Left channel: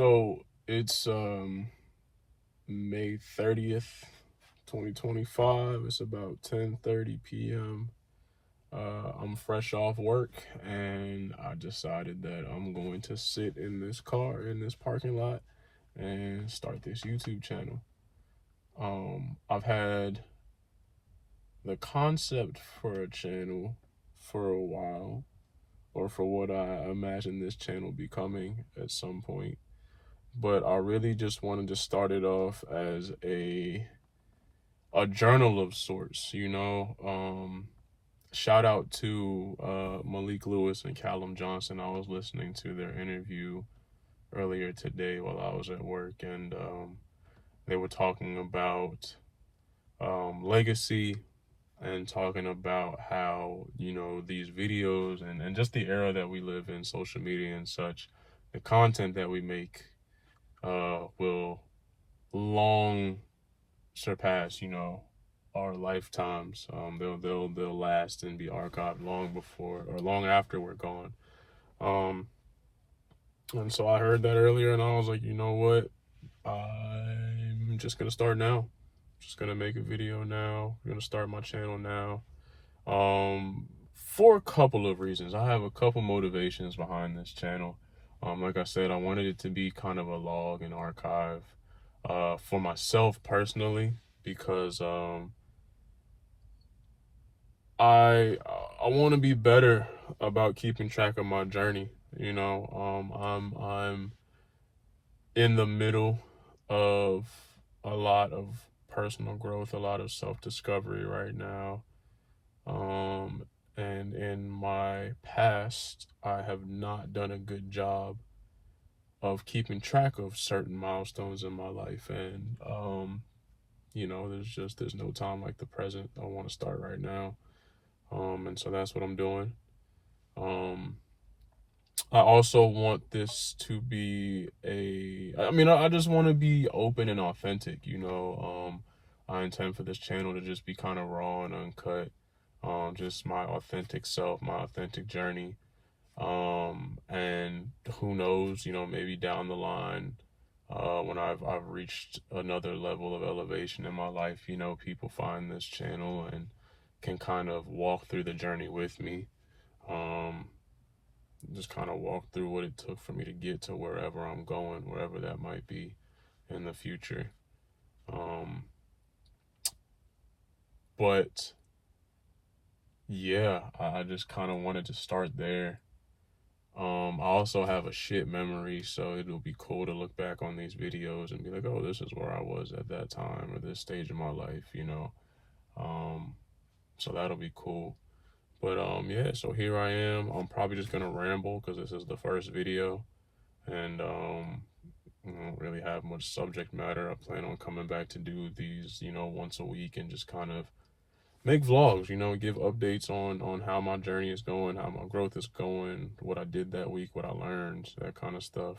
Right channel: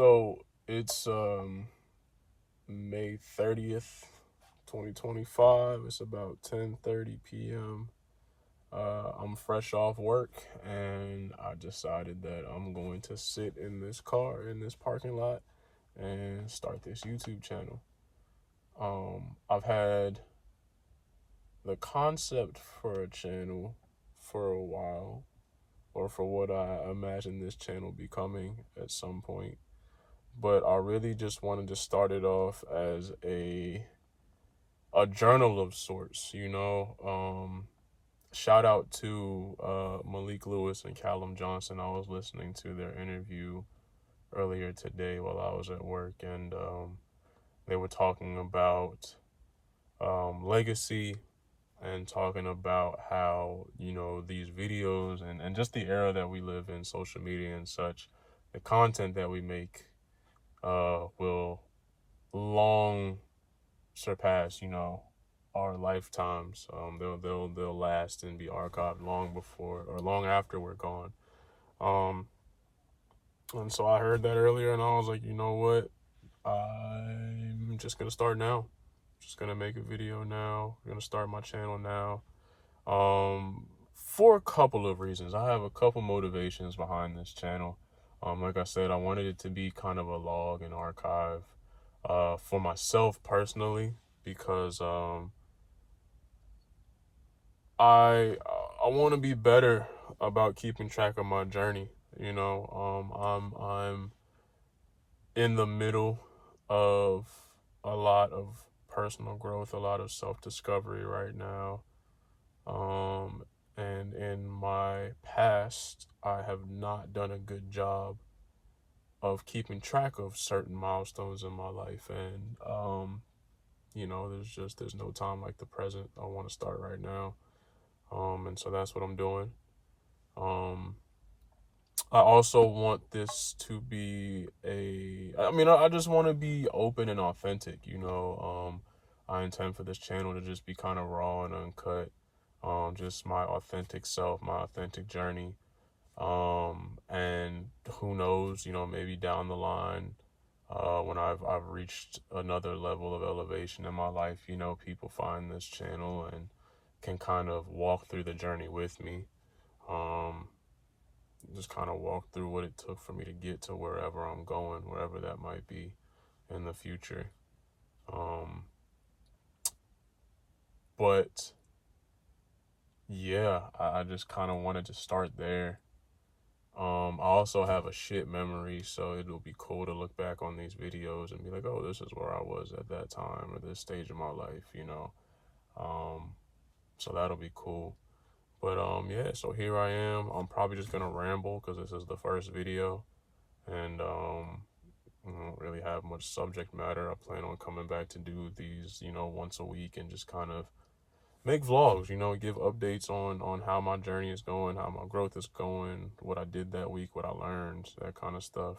So it's May 30th, 2025. It's about 10:30 p.m. I'm fresh off work and I decided that I'm going to sit in this car in this parking lot and start this YouTube channel. I've had the concept for a channel for a while, or for what I imagine this channel becoming at some point. But I really just wanted to start it off as a journal of sorts, you know. Shout out to Malik Lewis and Callum Johnson. I was listening to their interview earlier today while I was at work, and they were talking about legacy and talking about how, you know, these videos and just the era that we live in, social media and such, the content that we make will long surpass, you know, our lifetimes. They'll last and be archived long before or long after we're gone. Um, and so I heard that earlier, and I was like, you know what? I'm just gonna start now. Just gonna make a video now. I'm gonna start my channel now. For a couple of reasons. I have a couple motivations behind this channel. Like I said, I wanted it to be kind of a log and archive for myself personally, because I want to be better about keeping track of my journey. You know, I'm in the middle of a lot of personal growth, a lot of self-discovery right now. And in my past, I have not done a good job of keeping track of certain milestones in my life. And, you know, there's no time like the present. I want to start right now. And so that's what I'm doing. I also want this to be I just want to be open and authentic, you know. I intend for this channel to just be kind of raw and uncut. Just my authentic self, my authentic journey. And who knows, you know, maybe down the line, when I've reached another level of elevation in my life, you know, people find this channel and can kind of walk through the journey with me. Just kind of walk through what it took for me to get to wherever I'm going, wherever that might be in the future. But yeah, I just kind of wanted to start there. I also have a shit memory, so it'll be cool to look back on these videos and be like, oh, this is where I was at that time or this stage of my life, you know. So that'll be cool. But yeah, so here I am. I'm probably just gonna ramble because this is the first video, and I don't really have much subject matter. I plan on coming back to do these, you know, once a week and just kind of make vlogs, you know, give updates on how my journey is going, how my growth is going, what I did that week, what I learned, that kind of stuff.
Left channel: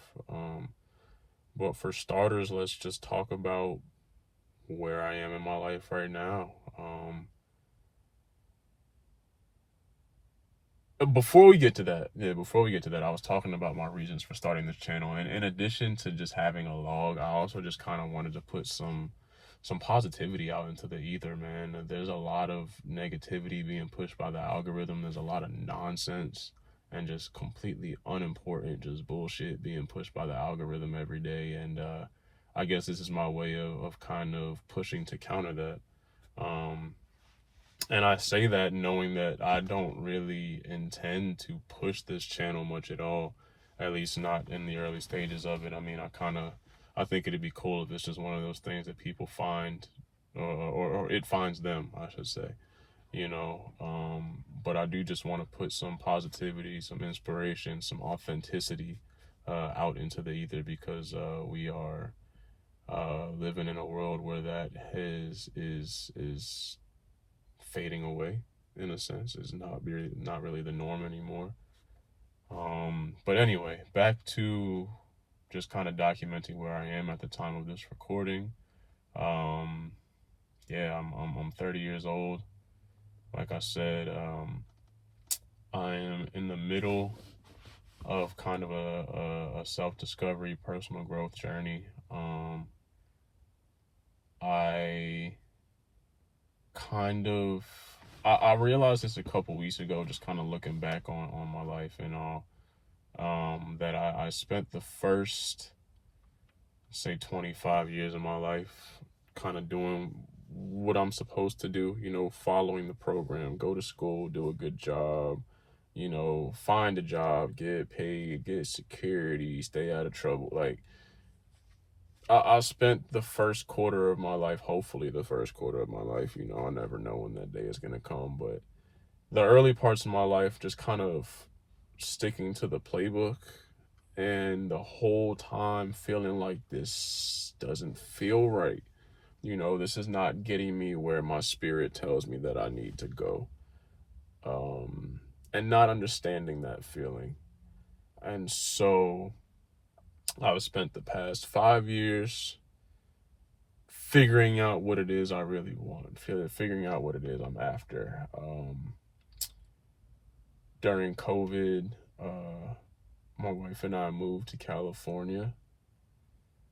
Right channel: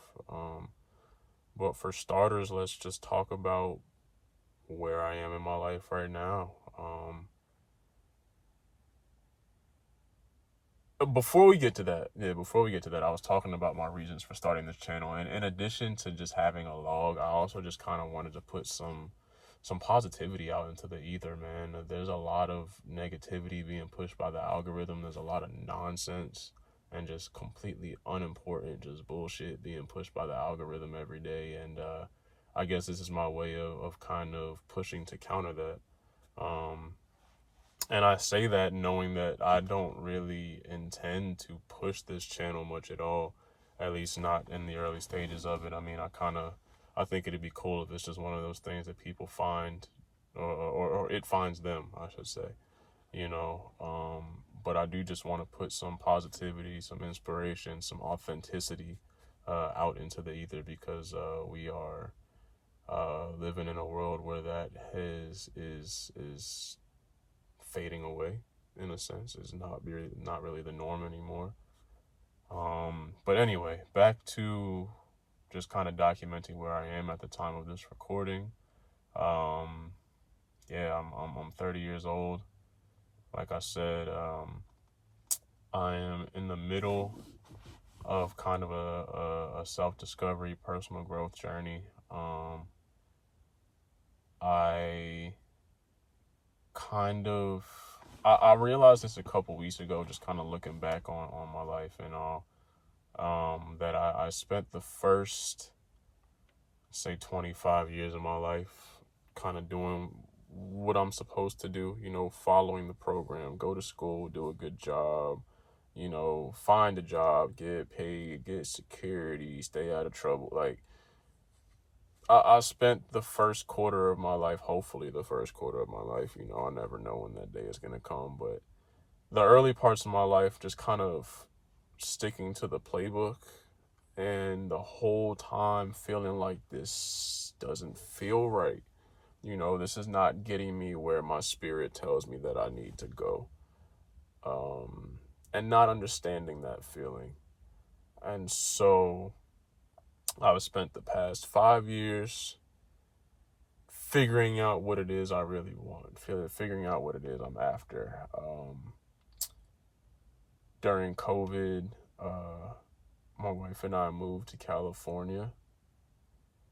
But for starters, let's just talk about where I am in my life right now. Before we get to that, I was talking about my reasons for starting this channel. And in addition to just having a log, I also just kind of wanted to put some positivity out into the ether, man. There's a lot of negativity being pushed by the algorithm. There's a lot of nonsense and just completely unimportant, just bullshit being pushed by the algorithm every day. And I guess this is my way of kind of pushing to counter that. And I say that knowing that I don't really intend to push this channel much at all, at least not in the early stages of it. I mean, I think it'd be cool if it's just one of those things that people find, or it finds them, I should say, you know. But I do just want to put some positivity, some inspiration, some authenticity out into the ether, because we are living in a world where that is fading away, in a sense. It's not really the norm anymore. But anyway, back to just kind of documenting where I am at the time of this recording. Yeah, I'm 30 years old. Like I said, I am in the middle of kind of a self-discovery, personal growth journey. I kind of I realized this a couple weeks ago, just kind of looking back on my life and all, that I spent the first, say, 25 years of my life kind of doing what I'm supposed to do, following the program, go to school, do a good job, find a job, get paid, get security, stay out of trouble. Like, I spent the first quarter of my life, hopefully the first quarter of my life, I never know when that day is going to come, but the early parts of my life just kind of sticking to the playbook, and the whole time feeling like this doesn't feel right. This is not getting me where my spirit tells me that I need to go. And not understanding that feeling. And so I've spent the past 5 years figuring out what it is I really want, figuring out what it is I'm after. During COVID, my wife and I moved to California,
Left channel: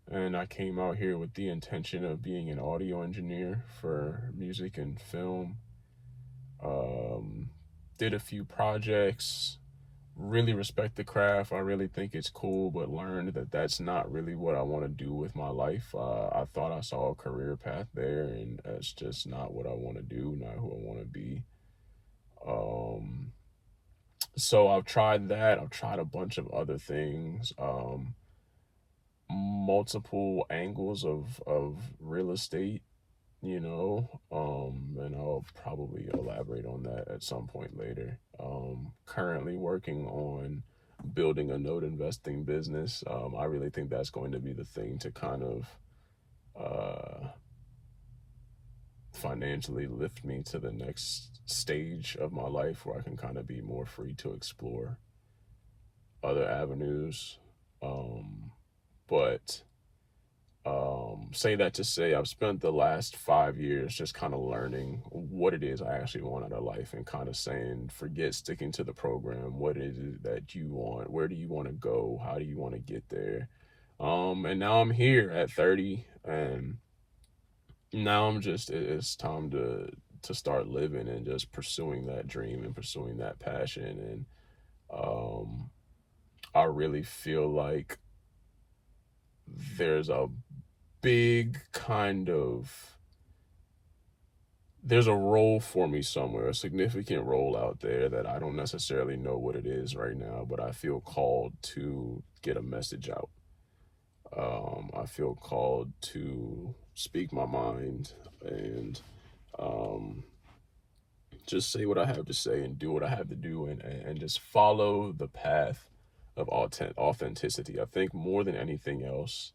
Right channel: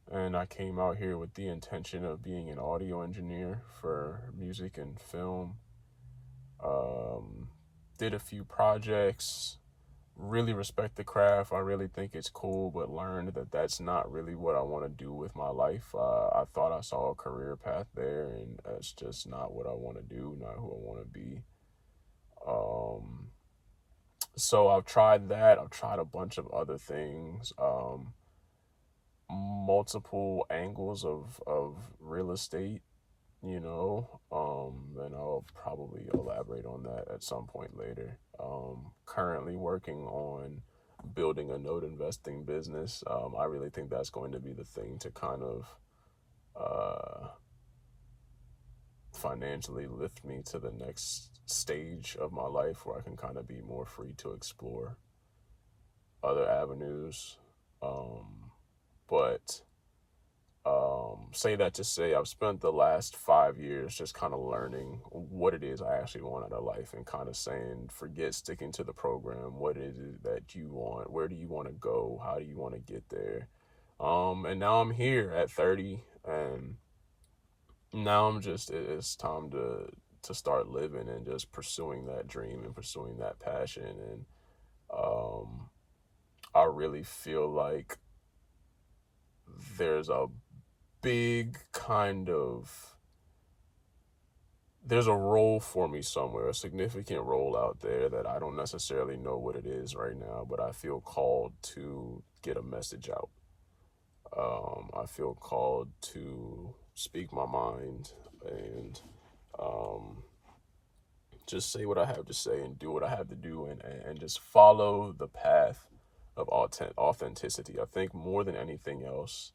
and I came out here with the intention of being an audio engineer for music and film. Did a few projects, really respect the craft. I really think it's cool, but learned that that's not really what I want to do with my life. I thought I saw a career path there, and that's just not what I want to do, not who I want to be. So I've tried that. I've tried a bunch of other things, multiple angles of real estate, and I'll probably elaborate on that at some point later. Currently working on building a note investing business. I really think that's going to be the thing to kind of financially lift me to the next stage of my life where I can kind of be more free to explore other avenues. But say that to say I've spent the last 5 years just kind of learning what it is I actually want out of life, and kind of saying, forget sticking to the program. What is it that you want? Where do you want to go? How do you want to get there? And now I'm here at 30, and now it's time to start living and just pursuing that dream and pursuing that passion. And I really feel like there's a big kind of there's a role for me somewhere, a significant role out there that I don't necessarily know what it is right now, but I feel called to get a message out. I feel called to speak my mind and just say what I have to say and do what I have to do, and just follow the path of authenticity. I think more than anything else,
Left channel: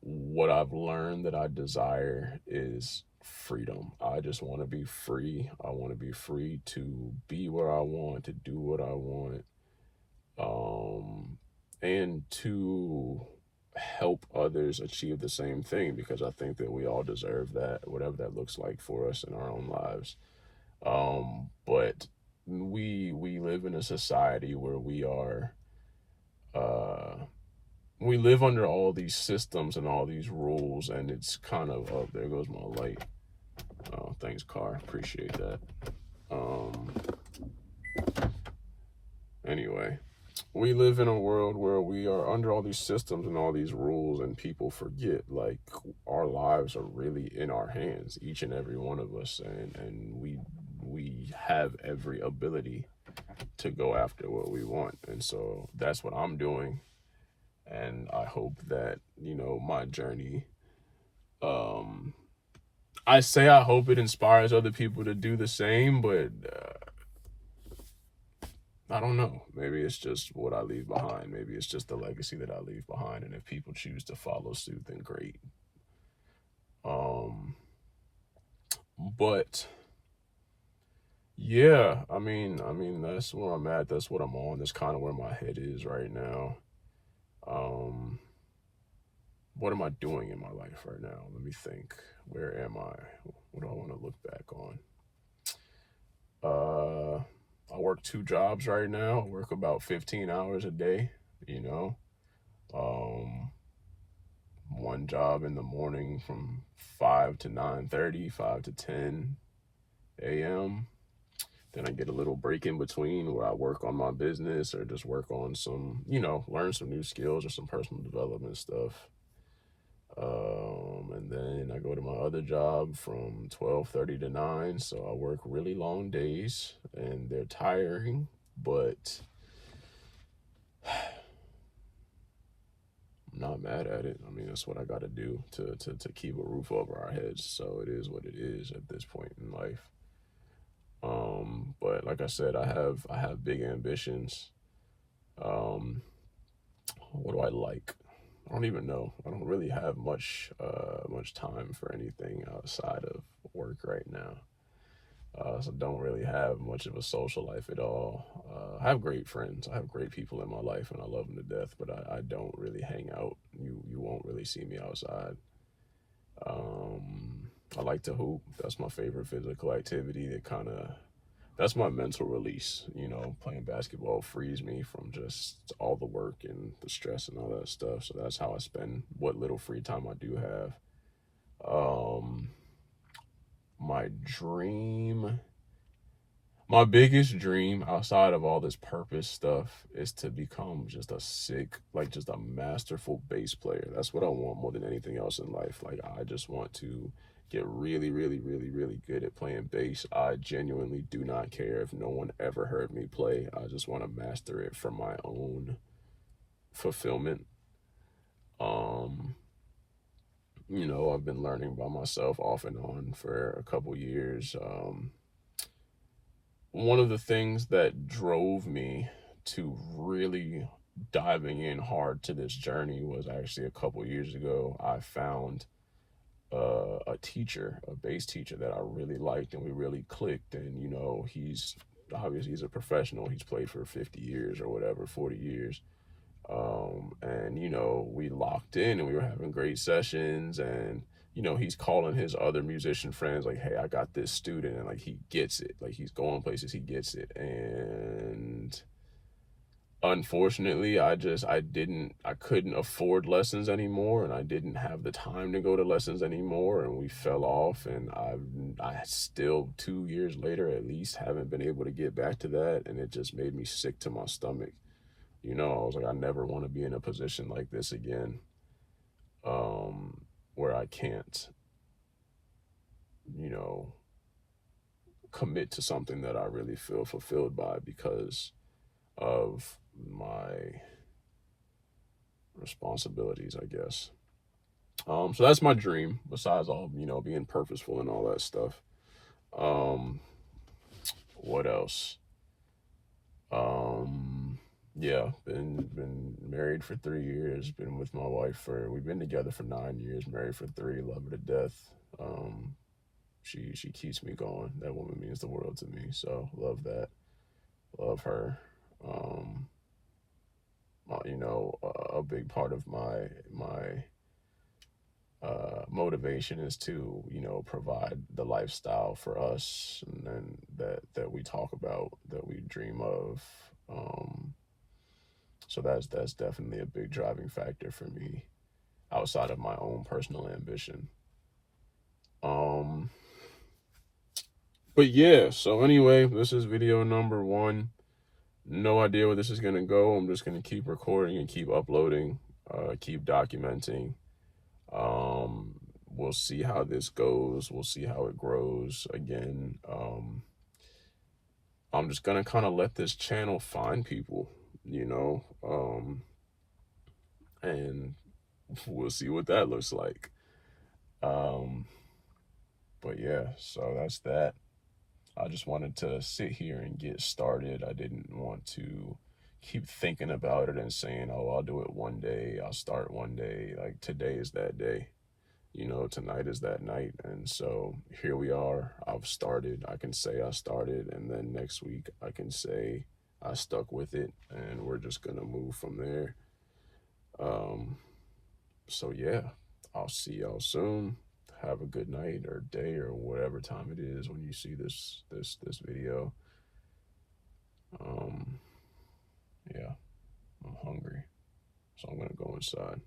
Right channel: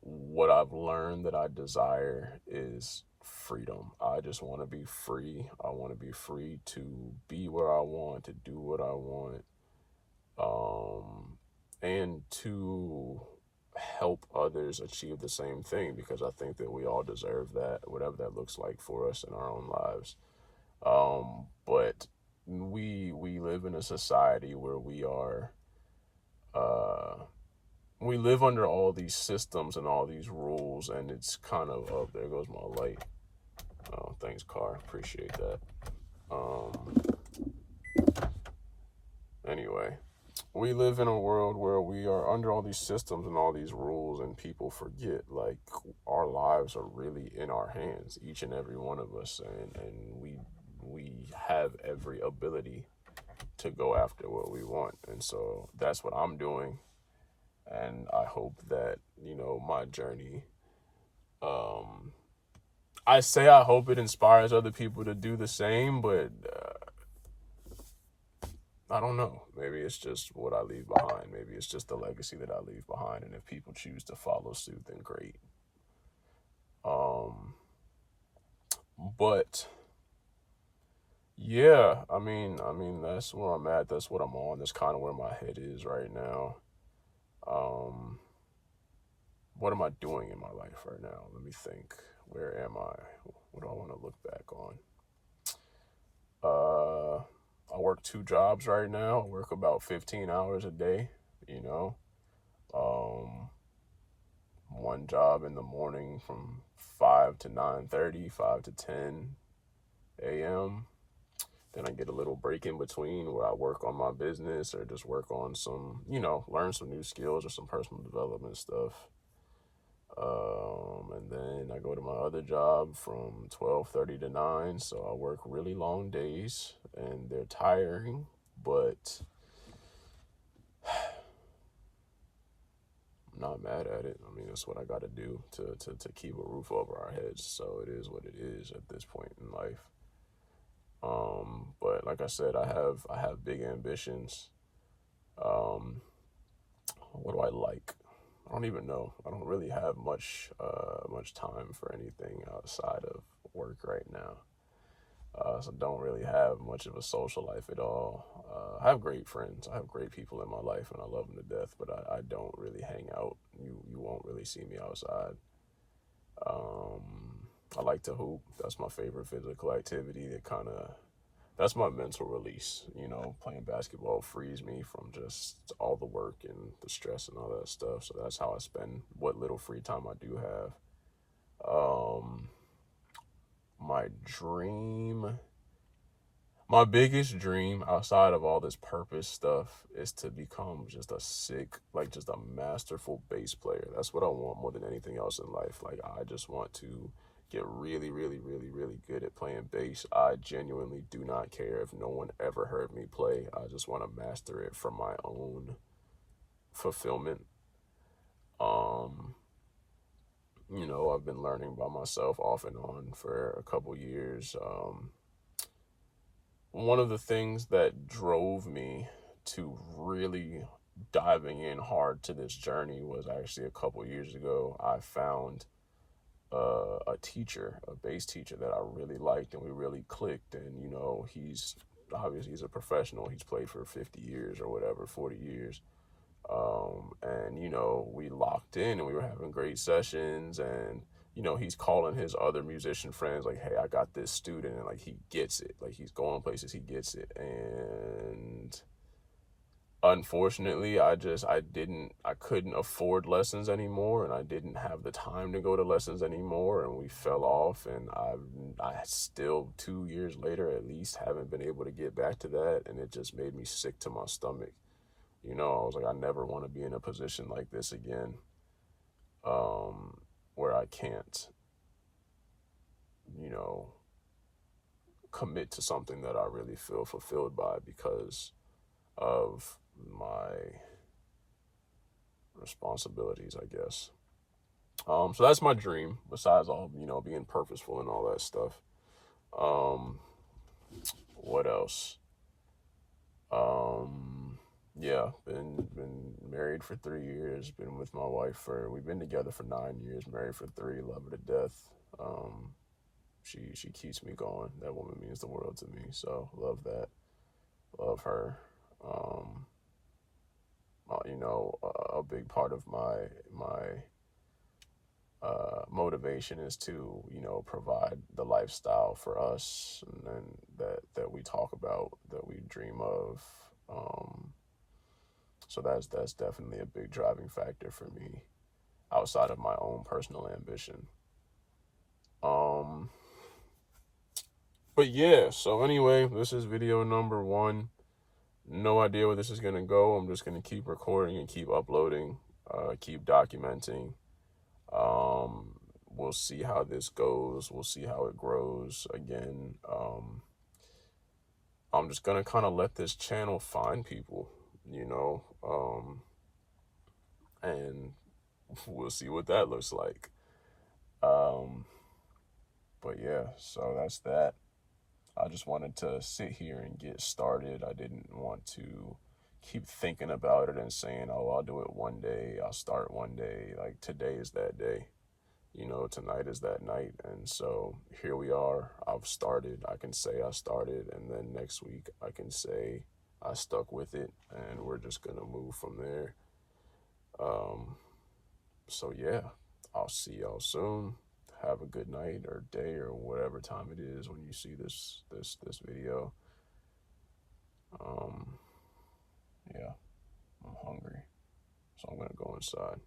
what I've learned that I desire is freedom. I just want to be free. I want to be free to be where I want, to do what I want, and to help others achieve the same thing, because I think that we all deserve that, whatever that looks like for us in our own lives. But we live in a society where we live under all these systems and all these rules, and it's kind of, oh, there goes my light. Oh, thanks, car. Appreciate that. Anyway, we live in a world where we are under all these systems and all these rules, and people forget, like, our lives are really in our hands, each and every one of us, and we have every ability to go after what we want. And so that's what I'm doing. And I hope that, my journey, I hope it inspires other people to do the same, but I don't know. Maybe it's just what I leave behind. Maybe it's just the legacy that I leave behind. And if people choose to follow suit, then great. But yeah, I mean, that's where I'm at. That's what I'm on. That's kind of where my head is right now. What am I doing in my life right now? Let me think. Where am I? What do I want to look back on? I work 2 jobs right now. I work about 15 hours a day, you know. Um, One job in the morning from 5 to 9:30, 5 to 10 a.m. Then I get a little break in between where I work on my business or just work on some, learn some new skills or some personal development stuff. And then I go to my other job from 12:30 to 9. So I work really long days and they're tiring, but I'm not mad at it. I mean, that's what I got to do to keep a roof over our heads. So it is what it is at this point in life. But like I said, I have big ambitions. Um, what do I like? I don't even know. I don't really have much time for anything outside of work right now. So don't really have much of a social life at all. I have great friends. I have great people in my life, and I love them to death. But I don't really hang out. You won't really see me outside. I like to hoop. That's my favorite physical activity. That's my mental release. Playing basketball frees me from just all the work and the stress and all that stuff. So that's how I spend what little free time I do have. Um, my dream, my biggest dream outside of all this purpose stuff is to become just a just a masterful bass player. That's what I want more than anything else in life. Like, I just want to get really, really, really, really good at playing bass. I genuinely do not care if no one ever heard me play. I just want to master it for my own fulfillment. Um, I've been learning by myself off and on for a couple years. One of the things that drove me to really diving in hard to this journey was actually a couple years ago. I found a teacher, a bass teacher that I really liked, and we really clicked. And he's a professional. He's played for 50 years or whatever, 40 years. And we locked in and we were having great sessions. And he's calling his other musician friends like, hey, I got this student, and like he gets it. Like, he's going places, he gets it. And unfortunately, I couldn't afford lessons anymore, and I didn't have the time to go to lessons anymore, and we fell off. And I still 2 years later at least haven't been able to get back to that, and it just made me sick to my stomach. I was like, I never want to be in a position like this again, where I can't, you know, commit to something that I really feel fulfilled by because of my responsibilities, I guess. So that's my dream, besides all, being purposeful and all that stuff. Um, what else? Yeah, been married for 3 years. Been with my wife we've been together for 9 years. Married for 3, love her to death. She keeps me going. That woman means the world to me. So love that. Love her. Um, a big part of my motivation is to provide the lifestyle for us, and then that we talk about, that we dream of. So that's definitely a big driving factor for me outside of my own personal ambition. Um, but yeah, so anyway, this is video number 1. No idea where this is gonna go. I'm just gonna keep recording and keep uploading, keep documenting. We'll see how this goes. We'll see how it grows. Again, I'm just gonna kind of let this channel find people, and we'll see what that looks like. Um, but yeah, so that's that. I just wanted to sit here and get started. I didn't want to keep thinking about it and saying, oh, I'll do it one day, I'll start one day. Like, today is that day. Tonight is that night. And so here we are. I've started. I can say I started, and then next week I can say I stuck with it, and we're just gonna move from there. So yeah, I'll see y'all soon. Have a good night or day or whatever time it is when you see this video. Yeah, I'm hungry, so I'm gonna go inside.